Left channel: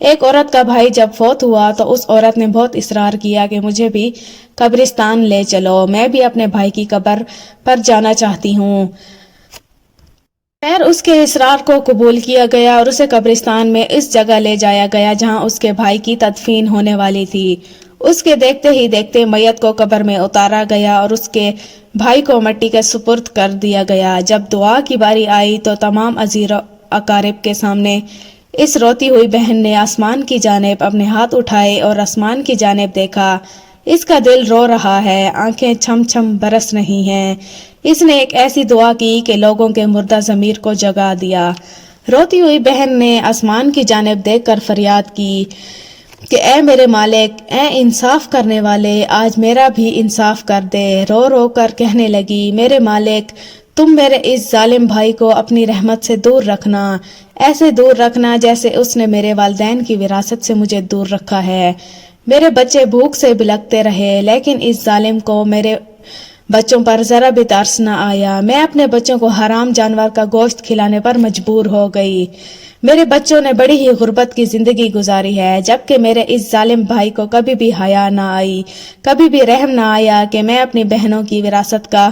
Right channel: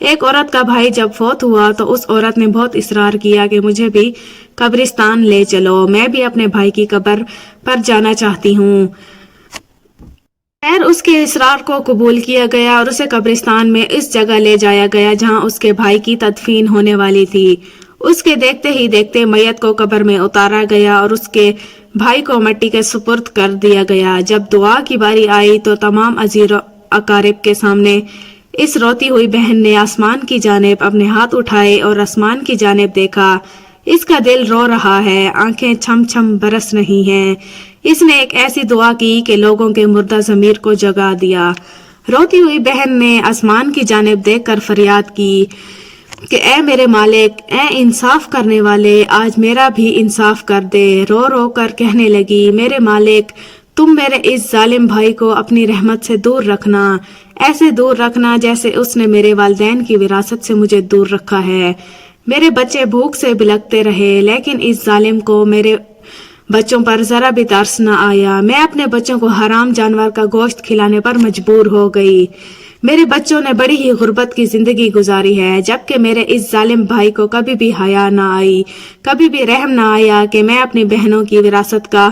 ایک عورت کا بھائی جب فوت ہوا تو اس عورت نے بہت اصرار کیا کہ مجھے بھی قبرستان لے چلو، میں بھی اپنے بھائی کی قبر پر جانا چاہتی ہوں۔ خیر اس کے اصرار کو قبول کیا گیا اور اسے قبرستان میں اس جگہ لے جایا گیا جہاں اس کے بھائی کی تدفین ہونے والی تھی۔ اس کے دیکھتے ہی دیکھتے میت کو قبر میں اتارا گیا اور اس کے بھائی کو مٹی کے سپرد کر دیا گیا۔ جب دعا کی باری آئی تو تمام عزیز و اقارب کے سامنے اس روتی ہوئی بہن نے آسمان کی جانب اپنے ہاتھ اٹھائے اور آسمان کی جانب دیکھا۔ اس کا دل رو رہا ہے، آنکھیں چھم چھم برس رہی ہیں۔ اس نے ایک ایسی دعا کی کہ لوگوں کے مردہ ضمیر کو جگا دیا۔ روتی ہوئی بہن نے آسمان کی جانب دیکھ کر فریاد کی کہ اے میرے مالک، اے انصاف کرنے والے، آج میرا بھی انصاف کر دے۔ رو رو کر کہنے لگی، میرے مالک، تم میرے اس ظالم بھائی کو اپنی رحمت سے دور رکھنا، ایسے دور رکھنا جیسے اس نے میرے والدین کی وراثت سے مجھے دور رکھا ہے۔ میرے بچے بھوک سے بلکتے رہے لیکن اس ظالم کو میرے بچوں پر ذرا بھی ترس نہ آیا۔ میں اپنے بچوں کو حرام جانور کا گوشت کھلانے پر مجبور ہو گئی۔ میرے بچوں نے بڑی ہی غربت کی زندگی گزاری ہے، جبکہ میرے اس ظالم بھائی کو کبھی بھی حیا نہ آئی، کبھی بھی رحم نہ آیا کہ میں اپنی بہنوں کی وراثت کا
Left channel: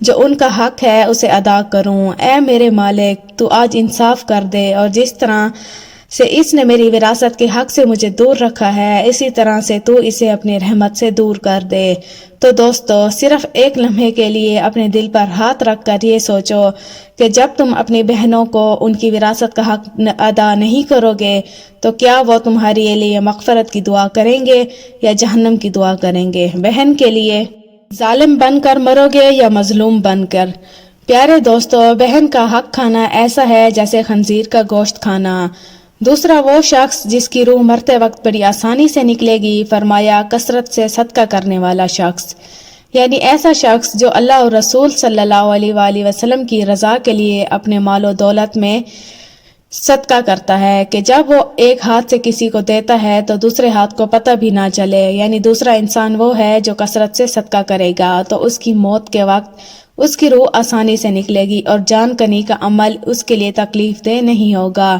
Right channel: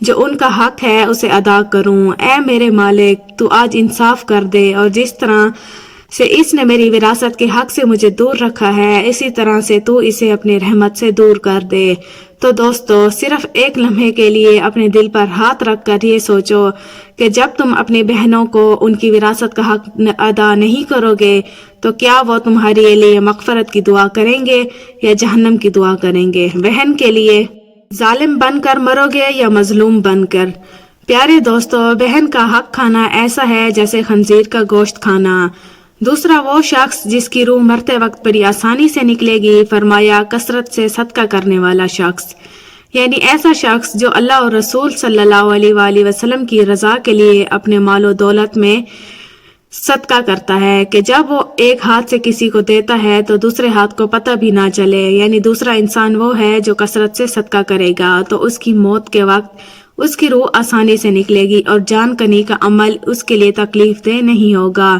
جو ان کا حق ہے اسے ادا کروں۔ اے میرے مالک، تو آج انصاف کر دے، اور جس طرح سے اس نے میری وراثت کے حق سے مجھے دور رکھا ہے، اسی طرح سے تو اسے اپنی رحمت سے دور کر دے۔ تو دوستو، صرف ایک لمحے کے لیے اپنے دل پر ہاتھ رکھ کر یہ سوچو کہ جب تم اپنی بہنوں کو ان کی وراثت کا حق ادا نہیں کرو گے تو کیا وہ تمہارے لیے مغفرت کی دعا کریں گے یا جہنم کی دعا کریں گے؟ بہن کے لیے ظالم بن کر مرو گے یا مظلوم بن کر؟ پیارے دوستو، بہن کا حق کھانا ایسا ہے جیسے خنزیر کا گوشت کھانا۔ دوسرا وہ شخص جس کی روح مرتے وقت بڑی آسانی سے نکلے گی، فرمایا کثرت سے صدقہ کرنے والا شخص، یعنی ایسا شخص جو اللہ اور رسول صلی اللہ علیہ وآلہ وسلم کی رضا کے لیے اپنے مال و دولت میں صدقہ کرتا ہے کہ جب وہ ایک ہاتھ سے کسی کو دیتا ہے تو دوسرے ہاتھ کو پتہ بھی نہ چلے، یعنی دوسرا انسان وہ ہے جو کثرت سے صدقہ کرے گا تو اس کی موت کے وقت اس کی روح آسانی سے نکلے گی اور جان کنی کا عمل اس کے لیے تکلیف دہ نہیں ہوگا۔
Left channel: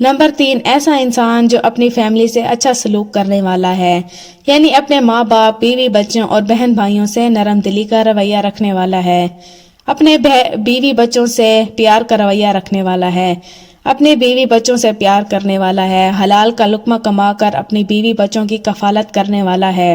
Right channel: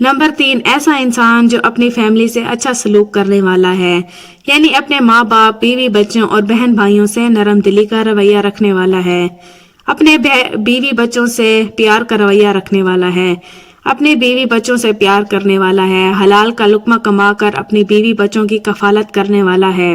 نمبر 3، ایسا انسان جو اپنی فیملی سے اچھا سلوک کرنے والا ہے، یعنی اپنے ماں باپ، بیوی بچوں اور بہن بھائیوں سے نرم دلی کا رویہ رکھنے والا ہے، اپنے بیوی بچوں سے پیار کا رویہ رکھنے والا ہے، اپنے بیوی بچوں سے پیار کرنے والا ہے، حلال کا لقمہ کما کر اپنی بیوی بچوں کی کفالت کرنے والا ہے۔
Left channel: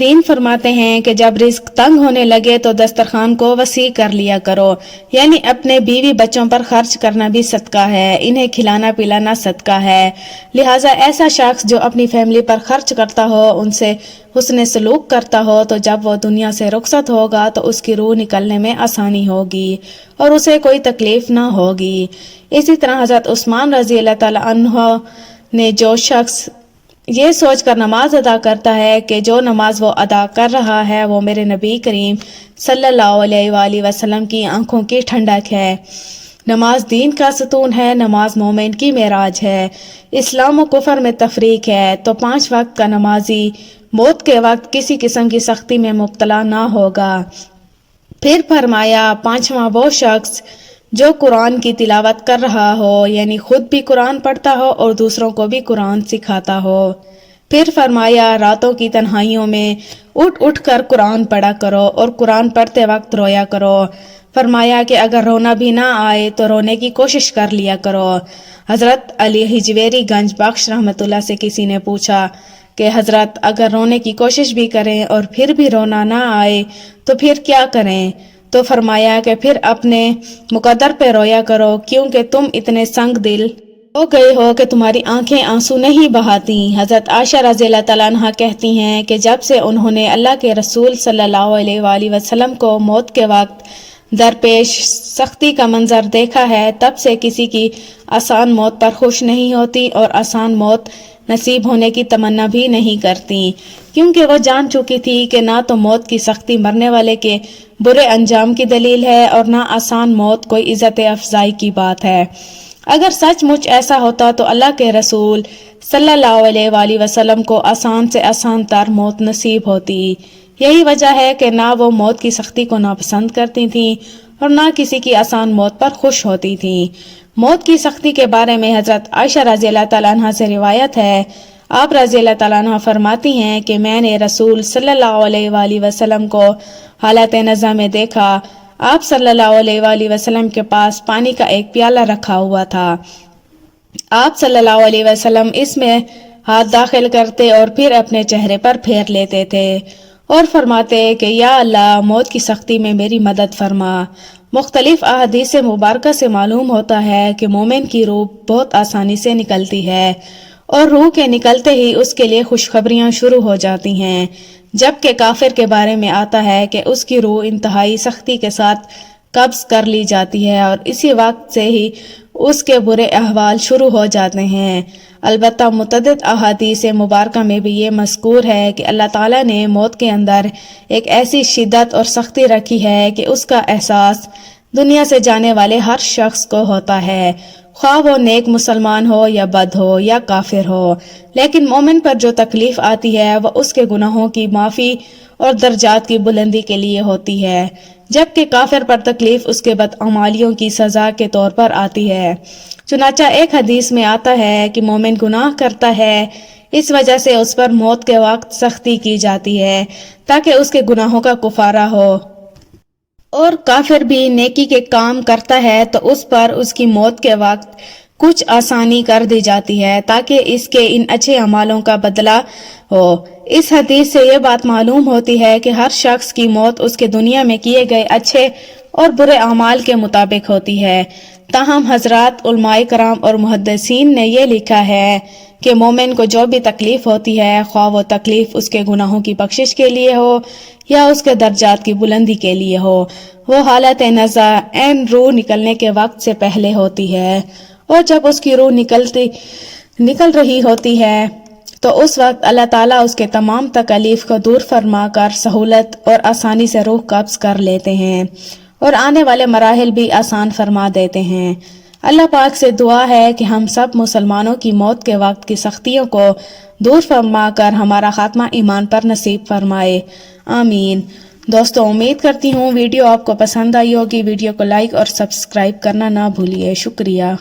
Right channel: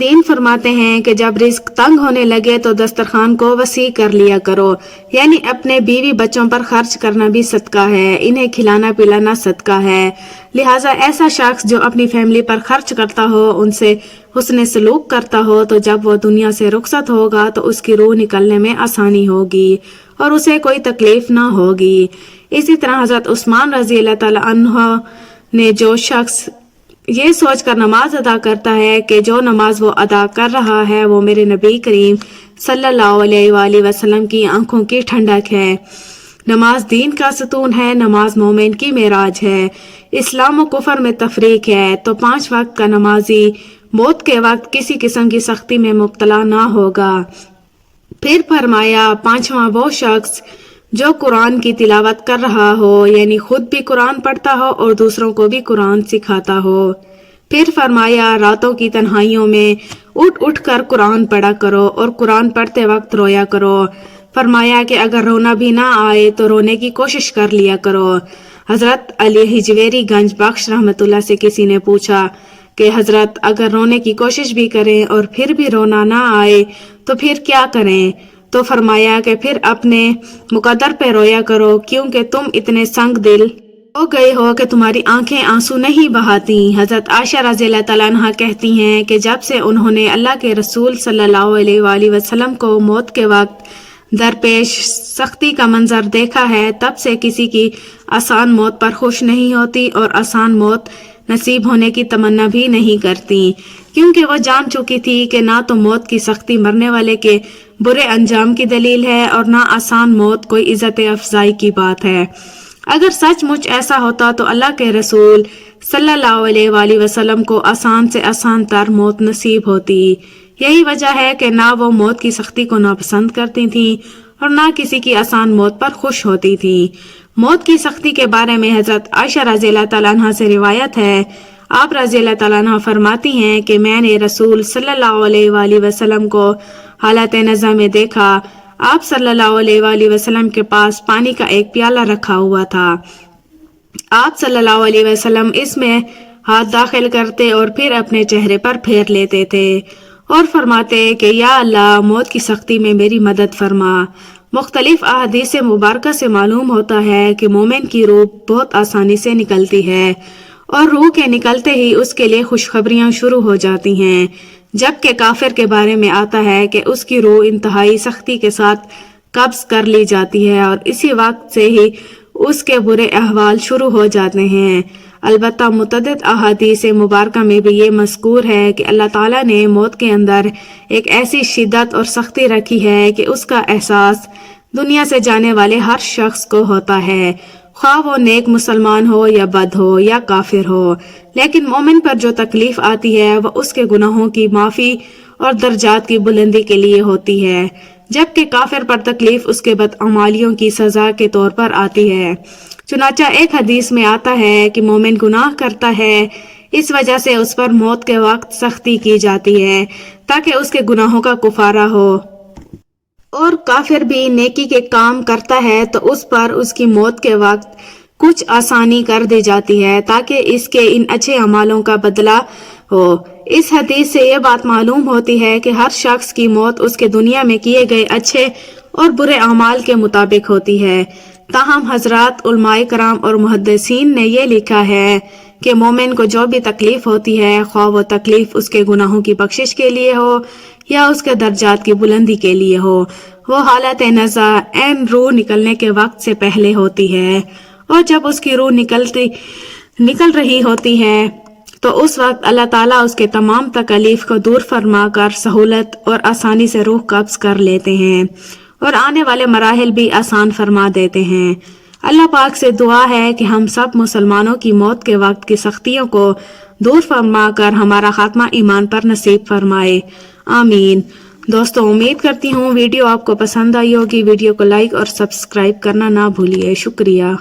دین فرماتے ہیں کہ جب رزق تنگ ہونے لگے تو دسترخوان کو وسیع کر لیا کرو، یعنی اپنے بیوی بچوں پر خرچ کرنا بھی صدقہ ہے، انہیں کھلانا پلانا صدقہ ہے۔ لہٰذا ایسا شخص جو اپنی فیملی پر خرچ کرتا ہو، ان سے حسن سلوک کرتا ہو، تو جب وہ دنیا سے رخصت ہوگا تو اس کی روح نکلنے میں آسانی ہوگی اور اسے کوئی تکلیف نہ ہوگی۔ اسی طرح حضرت عثمان رضی اللہ تعالی عنہ نے جو شخص یہ سوچ کر نماز ادا کرتا ہے کہ جو نماز وہ ادا کر رہا ہے وہ میرے نبی کریم صلی اللہ علیہ وآلہ وسلم کی آنکھوں کی ٹھنڈک ہے، نماز دین کا ستون ہے، نماز مومن کی معراج ہے، اسلام و کفر میں تفریق ہے، تو 5 وقت کا نمازی موت کے وقت کسی قسم کی سختی میں مبتلا نہ ہوگا۔ پھر فرمایا 5واں وہ شخص جو قرآن کی تلاوت کر رہا ہو، یعنی خود بھی قرآن پڑھتا ہو اور دوسروں کو بھی قرآن سکھاتا ہو۔ پھر فرمایا راتوں کی تنہائیوں میں اٹھ اٹھ کر قرآن پڑھا کرو اور قرآن پڑھتے وقت رویا کرو۔ فرمایا کہ اگر رونا بھی نہ آئے تو رونے کی کوشش کر لیا کرو۔ حضرت علی ہجویری گنج بخش رحمۃ اللہ سے کسی نے پوچھا کہ حضرت اگر رونے کی کوشش بھی کریں اور پھر بھی رونا نہ آئے تو پھر کیا کریں؟ تو فرمایا کہ پھر اپنے مقدر پہ رویا کرو، کیونکہ تم اتنے سنگ دل ہو گئے ہو کہ تمہاری آنکھیں آنسو نہیں بہاتی۔ حضرت عائشہ رضی اللہ تعالیٰ عنہا کہتی ہیں کہ جب سے انہوں نے اللہ کے رسول صلی اللہ علیہ وآلہ وسلم کو موت کے وقت درپیش سختی کا منظر دیکھا ہے، تب سے کسی کی آسان موت پر خوش نہیں ہوتی اور آسان موت نصیب ہونے کی تمنا بھی نہیں کرتی، کیونکہ وہ جان چکی تھی کہ نہ تو موت کی سختی مرنے والے کے برے انجام کی دلیل ہے اور نہ آسان موت کوئی عزت افزائی کی بات ہے۔ اگر سچ مچ ایسا ہوتا تو اللہ کے رسول صلی اللہ علیہ وآلہ وسلم کو آسان سے آسان تر موت نصیب ہوتی۔ یہی وجہ ہے کہ نہ وہ موت کی سختی کو ناپسند کرتی تھیں اور نہ کسی کی آسان موت پر خوش ہوتی تھیں۔ موت کی سختی کے بارے میں حضرت عائشہ رضی اللہ تعالیٰ عنہ سے روایت ہے، آپ رضی اللہ تعالیٰ عنہ فرماتی ہیں کہ میں نے رسول صلی اللہ علیہ وآلہ وسلم کو حالت نزع میں دیکھا۔ آپ صلی اللہ علیہ وآلہ وسلم کے پاس پانی کا ایک پیالہ رکھا ہوا تھا۔ آپ صلی اللہ علیہ وسلم اس میں ہاتھ داخل کرتے اور پھر اپنے چہرے پر پھیر لیتے تھے اور فرماتے کہ یا اللہ، موت کی سختی میں میری مدد فرما۔ مختلف احادیث مبارکہ سے معلوم ہوتا ہے کہ مومن کی روح بہت آسانی سے نکلتی ہے اور روح کے نکلتے ہی اس کے لیے خوشخبریاں شروع ہو جاتی ہیں، جبکہ کافر کے بارے میں آتا ہے کہ اس کی روح انتہائی سختی کے ساتھ قبض کر لی جاتی ہے اور اسی وقت سے ہی اس کے برے احوال شروع ہو جاتے ہیں۔ البتہ متعدد احادیث مبارکہ میں بھی یہ مذکور ہے کہ اللہ تعالیٰ نے موت کے اندر ایک ایسی شدت اور سختی رکھی ہے کہ اس کا احساس دنیا سے جانے والے ہر شخص کو ہوتا ہے، خواہ وہ نیک مسلمان ہو یا بد ہو یا کافر ہو۔ لیکن مومن پر جو تکلیف آتی ہے وہ اس کے گناہوں کی معافی اور درجات کی بلندی کے لیے ہوتی ہے، جبکہ کافر پر تکلیف اس کے بدعمالیوں کی سزا کے طور پر آتی ہے۔ چنانچہ ایک حدیث میں آتا ہے کہ مومن گناہ کرتا ہے، اس وجہ سے اس پر موت کے وقت سختی کی جاتی ہے تاکہ اس کے گناہوں کا کفارہ ہو، اور کافر بھی نیکی کے کام کرتا ہے تو اس پر اس کی موت کے وقت کچھ آسانی کر دی جاتی ہے تاکہ اس کے ان اچھے اعمالوں کا بدلہ ہو۔ اس حدیث سے یہ بات معلوم ہوتی ہے کہ ہر شخص کی موت اس کے دنیا میں کیے گئے اچھے اور برے اعمال کے مطابق ہوتی ہے۔ تاہم حضرات علماء کرام اور محدثین نے یہ لکھا ہے کہ مومن کو جو بھی تکلیف ہوتی ہے، خواہ وہ تکلیف اس کے گناہوں کی بخشش کے لیے ہو یا اس کے درجات کی بلندی کے لیے ہو، وہ حالت نزع عین روح نکلنے کے وقت سے پہلے ہوتی ہے، اور جب اس کی روح نکل رہی ہوتی ہے تو اس وقت اللہ تعالیٰ اس کے تمام تکالیف کو دور فرما کر سہولت اور آسانی سے روح قبض کر لیتے ہیں اور آنے والے مراحل بھی آسان فرما دیتے ہیں۔ اللہ پاک سے دعا ہے کہ ہم سب مسلمانوں کی موت کے وقت کی سختیوں کو دور فرما کر ہمارا خاتمہ ایمان پر نصیب فرمائے، آمین۔ دوستو، امید کرتی ہوں ویڈیو آپ کو پسند آئی ہوگی۔ ویڈیو کو لائک اور سبسکرائب کرنا نہ بھولیے۔ شکریہ۔